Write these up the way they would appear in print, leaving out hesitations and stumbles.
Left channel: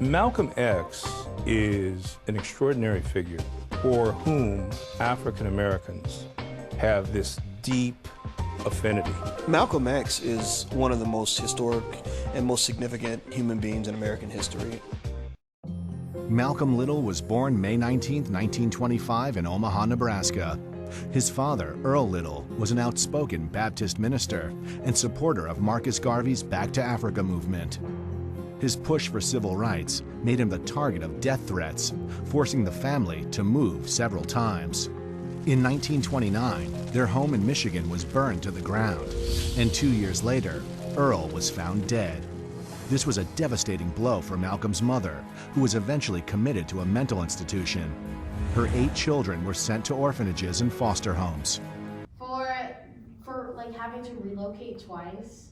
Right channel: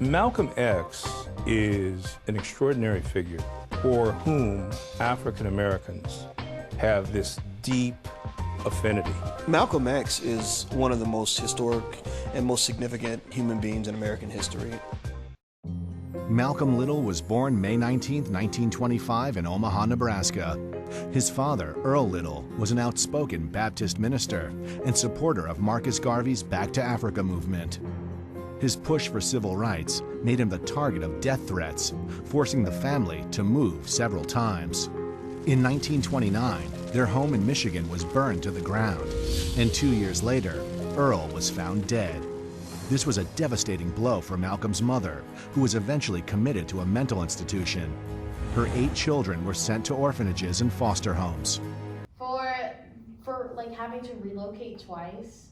Malcolm X is an extraordinary figure for whom African Americans have this deep affinity. Malcolm X is one of the most historic and most significant human beings in American history. Malcolm Little was born May 19, 1925 in Omaha, Nebraska. His father, Earl Little, was an outspoken Baptist minister and supporter of Marcus Garvey's Back to Africa movement. His push for civil rights made him the target of death threats, forcing the family to move several times. In 1929, their home in Michigan was burned to the ground, and 2 years later, Earl was found dead. This was a devastating blow for Malcolm's mother, who was eventually committed to a mental institution. Her 8 children were sent to orphanages and foster homes. For like having to relocate twice,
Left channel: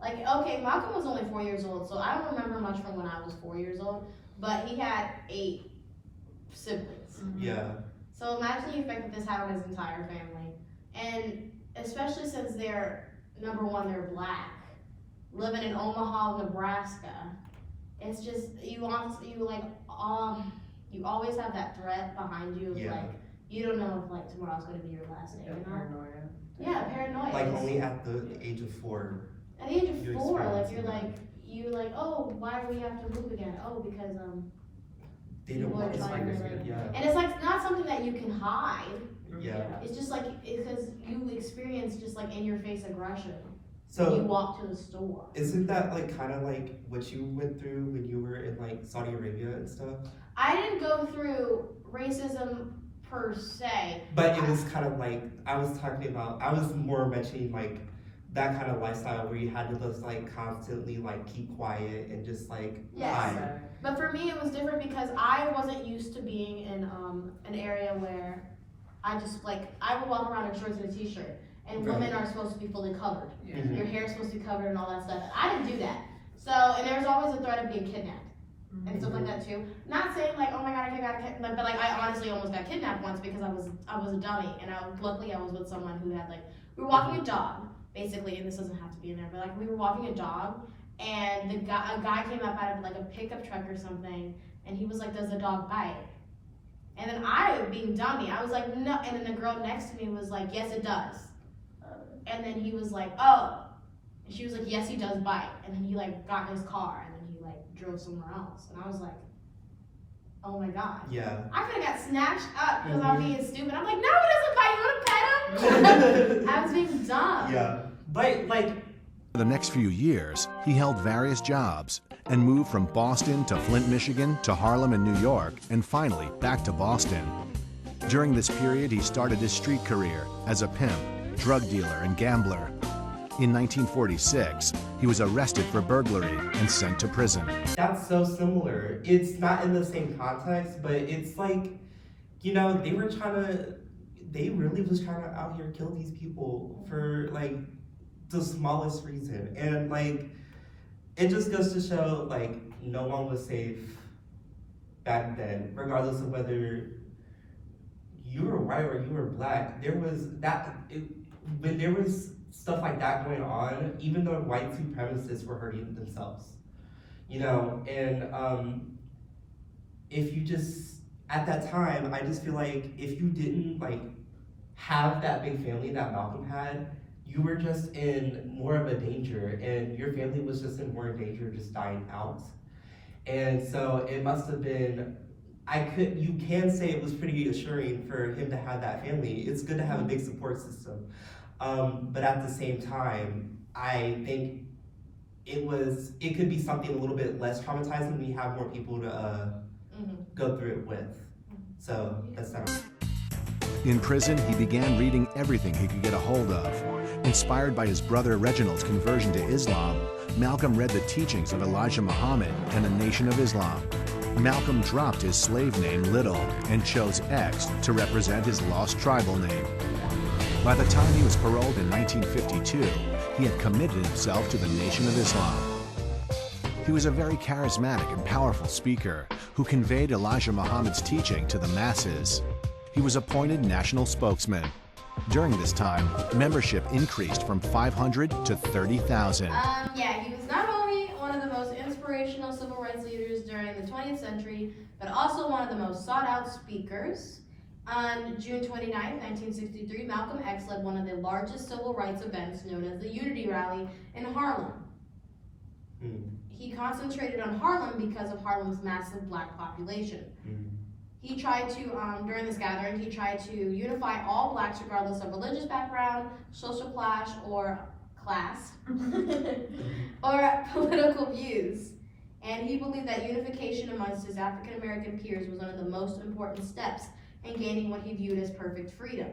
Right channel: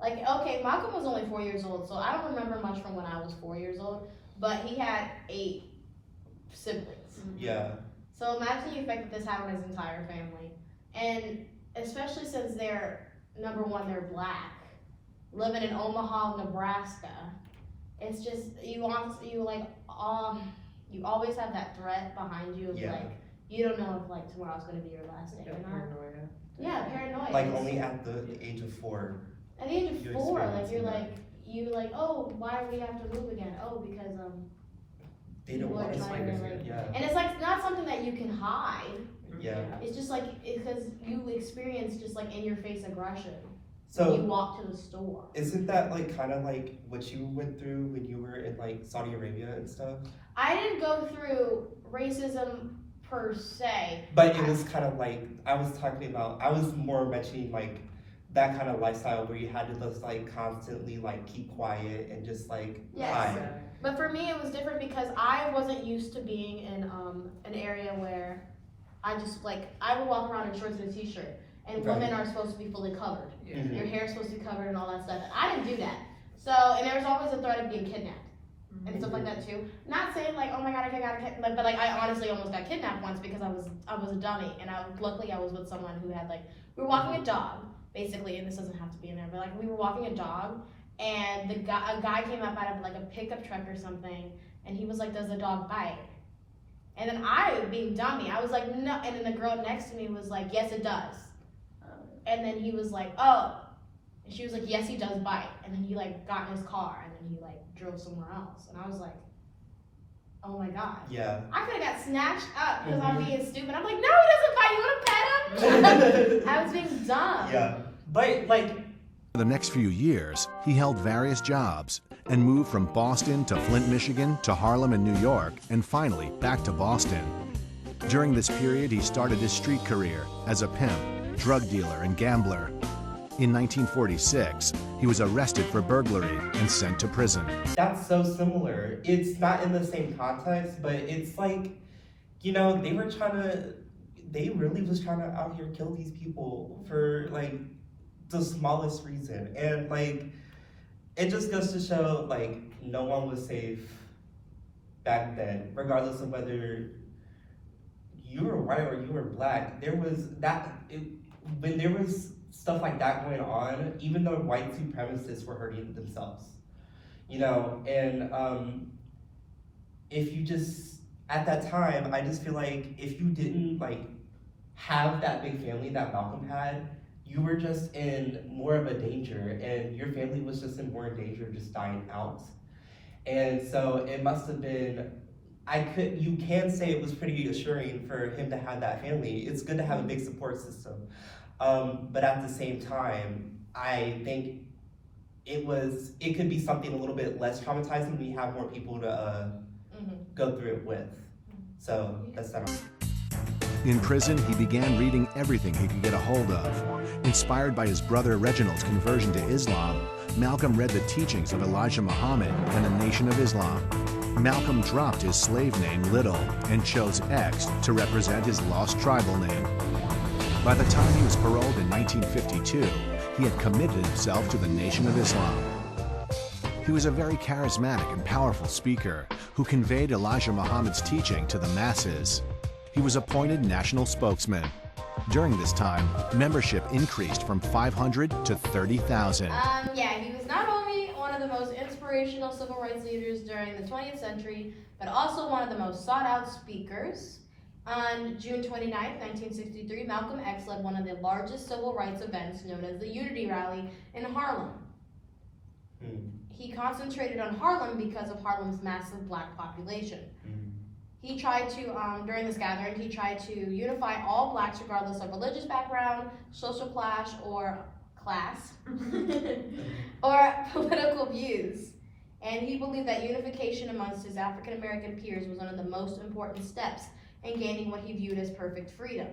like, okay, Malcolm was only 4 years old, so I don't remember much from when I was 4 years old, but he had 8 siblings. Yeah. So imagine the effect that this had on his entire family. And especially since they're, number one, they're black, living in Omaha, Nebraska. It's just, you always have that threat behind you of like, you don't know if like tomorrow's gonna be your last day. Paranoia. Yeah, paranoia. Like only at the age of 4. At the age of 4, like you're like, oh, why do we have to move again? Oh, because they don't want to And it's like not something that you can hide. Yeah. It's just like because you experience just like in your face aggression. So when you walk to the store. Isn't that like kind of like what you went through when you were in like Saudi Arabia and stuff? I didn't go through racism per se. But it was kind of like I was more mentioning like that kind of lifestyle where you had to just like constantly like keep quiet and just like hide. But for me it was different because I wasn't used to being in an area where I just like I would walk around in shorts and a t-shirt and women are supposed to be fully covered. Mm-hmm. Your hair's supposed to be covered and all that stuff. I didn't do that. So and there's always a threat of being kidnapped and stuff like that too. Not saying like, oh my god, I got kidnapped, but like I honestly almost got kidnapped once because I was a dummy and luckily I was with someone who had like we were walking a dog. Basically, and this doesn't have to be in there, but like we were walking a dog, and a guy came up out of like a pickup truck or something, and he was like, "Does the dog bite?" And then I, being dummy, I was like, "No," and then the girl next to me was like, "Yes, it does." And then he was like, "Oh," and she was like, "Yes, he does bite." And then he like got in his car, and then he like drove somewhere else, and I was like, "Oh my god." Yeah. I could have got snatched up because I'm being stupid. I'm like, "No, he doesn't bite. You want to pet him?" I was being dumb. Yeah. But like For the next few years, he held various jobs and moved from Boston to Flint, Michigan, to Harlem and New York, and finally back to Boston. During this period, he started his street career as a pimp, drug dealer, and gambler. In 1946, he was arrested for burglary and sent to prison. that's so similar. It's not in the same context, but it's like, you know, they really was trying to out here kill these people for like the smallest reason. And like, it just goes to show like no one was safe back then, regardless of whether you were white or you were black. When there was stuff like that going on, even though white supremacists were hurting themselves, you know, and if you just, at that time, I just feel like if you didn't like have that big family that Malcolm had, you were just in more of a danger, and your family was just in more danger of just dying out. And so it must have been, you can say it was pretty assuring for him to have that family. It's good to have a big support system. But at the same time, I think it could be something a little bit less traumatizing when you have more people to go through it with. So that's not. In prison, he began reading everything he could get a hold of. Inspired by his brother Reginald's conversion to Islam, Malcolm read the teachings of Elijah Muhammad and the Nation of Islam. Malcolm dropped his slave name Little and chose X to represent his lost tribal name. By the time he was paroled in 1952, he had committed himself to the Nation of Islam. He was a very charismatic and powerful speaker who conveyed Elijah Muhammad's teaching to the masses. He was appointed national spokesman. During this time, membership increased from 500 to 30,000. Yeah, he was not only one of the most inspirational civil rights leaders during the but also one of the most sought out speakers. On June 29th, 1963, Malcolm X led one of the largest civil rights events known as the Unity Rally in Harlem. He concentrated on Harlem because of Harlem's massive black population. He tried to, during this gathering, he tried to unify all blacks regardless of religious background, social class, or or political views. And he believed that unification amongst his African American peers was one of the most important steps in gaining what he viewed as perfect freedom.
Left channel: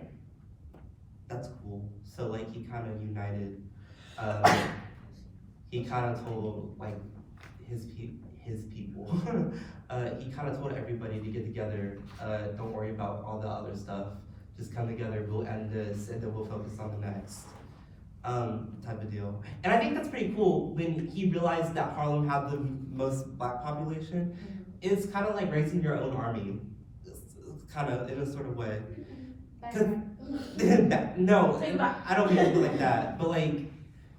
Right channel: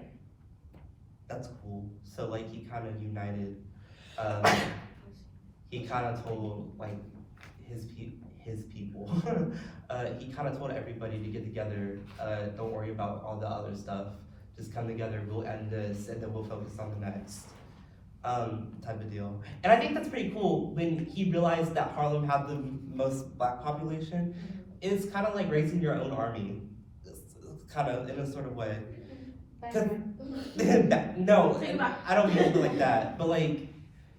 That's cool. So like he kind of united, he kind of told like his people, he kind of told everybody to get together, don't worry about all the other stuff, just come together, we'll end this, and then we'll focus on the next, type of deal. And I think that's pretty cool when he realized that Harlem had the most black population. It's kind of like raising your own army, kind of in a sort of way. No, I don't mean it like that, but like,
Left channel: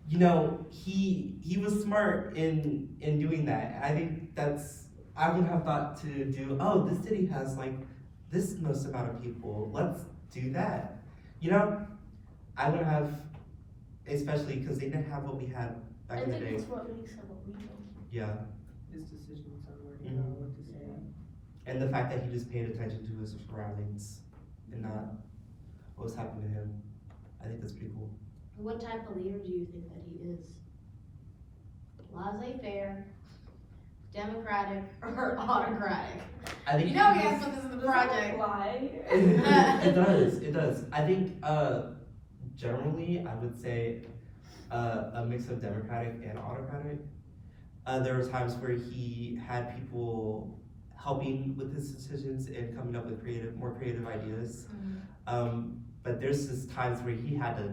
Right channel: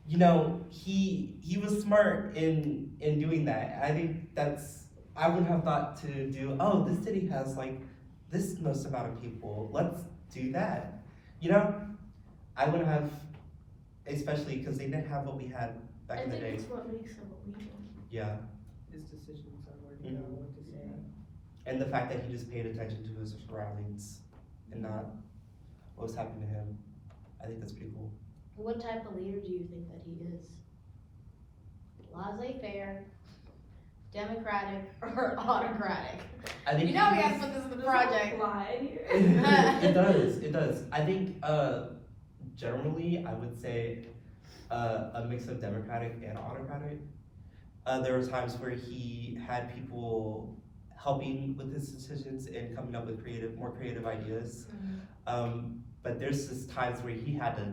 you know, he was smart in doing that. I think I would have thought to do, oh, this city has like this most amount of people, let's do that. You know, I would have, especially because they didn't have what we had back in the day. What makes it legal. Yeah. His decisions on where to go, what to say. And the fact that he just paid attention to his surroundings and not what was happening to him. I think that's pretty cool. What type of leader do you think that he is? Laissez-faire, democratic, or autocratic? I think You know we have to put this in the project. it does. I think generally I would say a mix of democratic and autocratic. There were times where he had people helping with his decisions and coming up with more creative ideas. But there's just times where he had to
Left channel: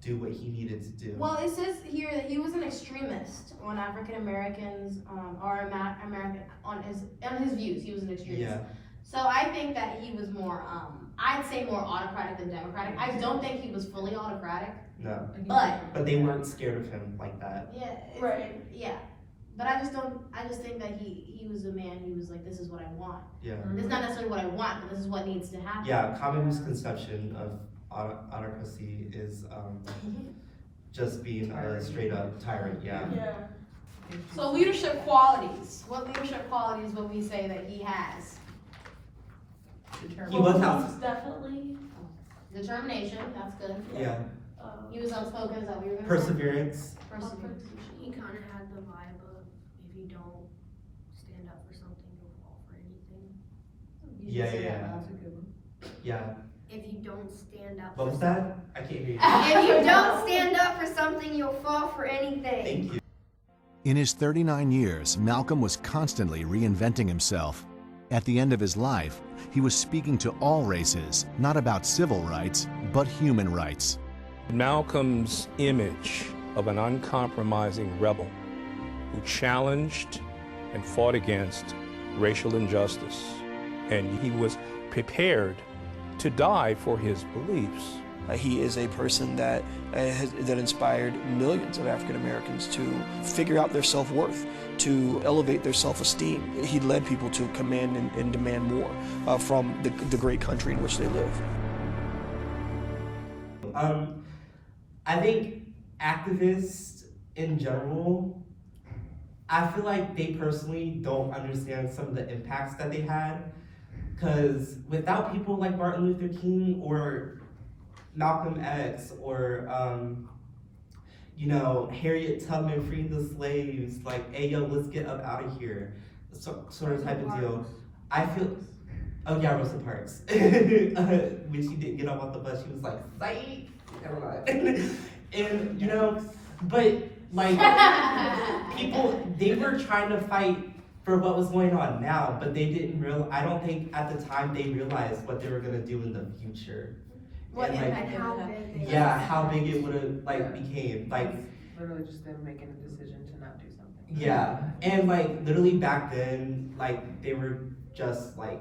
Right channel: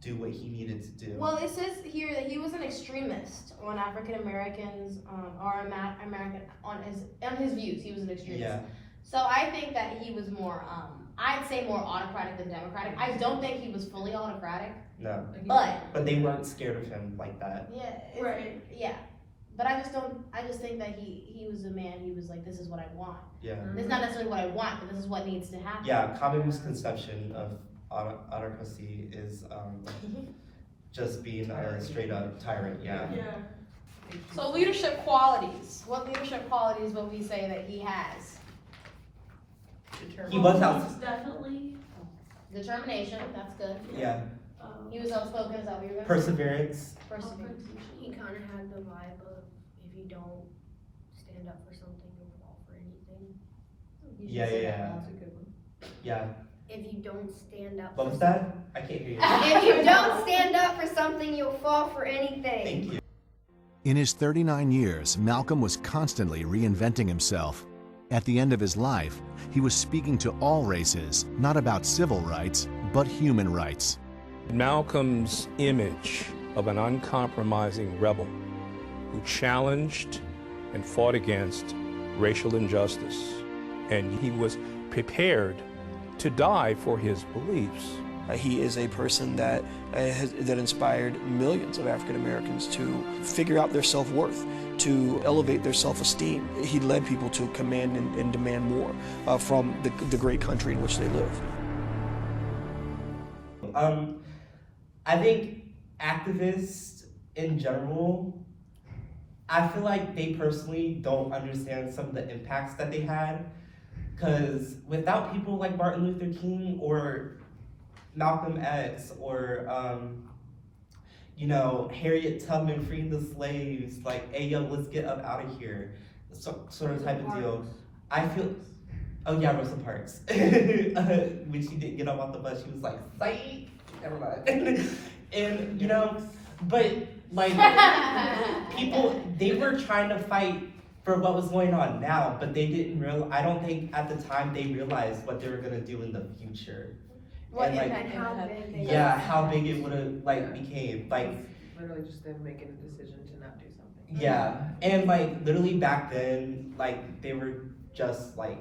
do what he needed to do. Well, it says here that he was an extremist on African Americans, or American on his views. He was an extremist. Yeah. So I think that he was more, I'd say more autocratic than democratic. I don't think he was fully autocratic, No. but But they weren't scared of him like that. yeah, Right. yeah. But I just think that he was a man. He was like, this is what I want. Yeah. This is not necessarily what I want, but this is what needs to happen. Yeah, common misconception of autocracy is just being a straight up tyrant. Yeah. So leadership qualities. What leadership qualities would we say that he has? He was out. Definitely. Determination, that's good. Yeah. He was outspoken, is that what you were gonna say? Perseverance. Perseverance. He kind of had the vibe of if you don't stand up for something, you'll fall for anything. Yeah. That's a good one. Yeah. If you don't stand up What for was that? I can't hear you. If you don't stand up for something, you'll fall for anything. Thank you. In his 39 years, Malcolm was constantly reinventing himself. At the end of his life, he was speaking to all races, not about civil rights, but human rights. Malcolm's image of an uncompromising rebel who challenged and fought against racial injustice, and he was prepared to die for his beliefs. He is a person that that inspired millions of African Americans to figure out their self-worth, to elevate their self-esteem. He led people to command and demand more from the great country in which they live. I think activists in general, I feel like they personally don't understand some of the impacts that they had. Because without people like Martin Luther King or Malcolm X or, Harriet Tubman freeing the slaves, like, hey, yo, let's get up out of here, sort of type of deal. I feel, oh yeah, Rosa Parks. When she didn't get up off the bus, she was like, psych, never mind. And, but like, people, they were trying to fight for what was going on now, but they didn't I don't think at the time they realized what they were gonna do in the future. What And, like, impact how big they yeah, how big it would have became. Like, Literally just them making a decision to not do something. yeah. And like literally back then, like they were just like,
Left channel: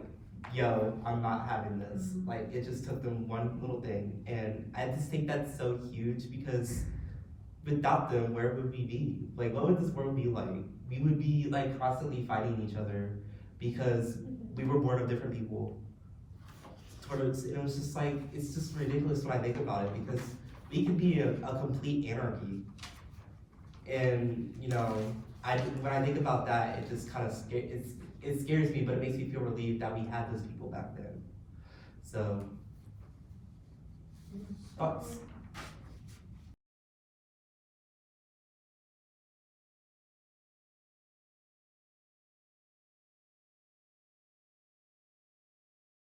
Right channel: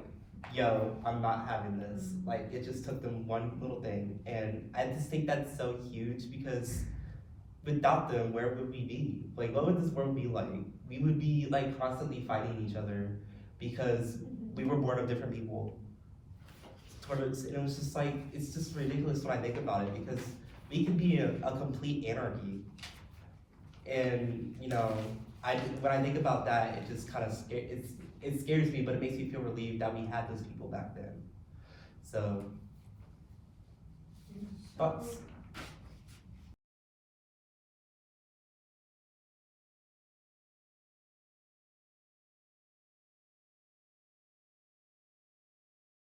yo, I'm not having this. Like it just took them one little thing. And I just think that's so huge because without them, where would we be? Like what would this world be like? We would be like constantly fighting each other because we were born of different people. And it was just like, it's just ridiculous when I think about it, because we can be a complete anarchy. And, you know, when I think about that, it just kind of, it scares me, but it makes me feel relieved that we had those people back then. So, thoughts?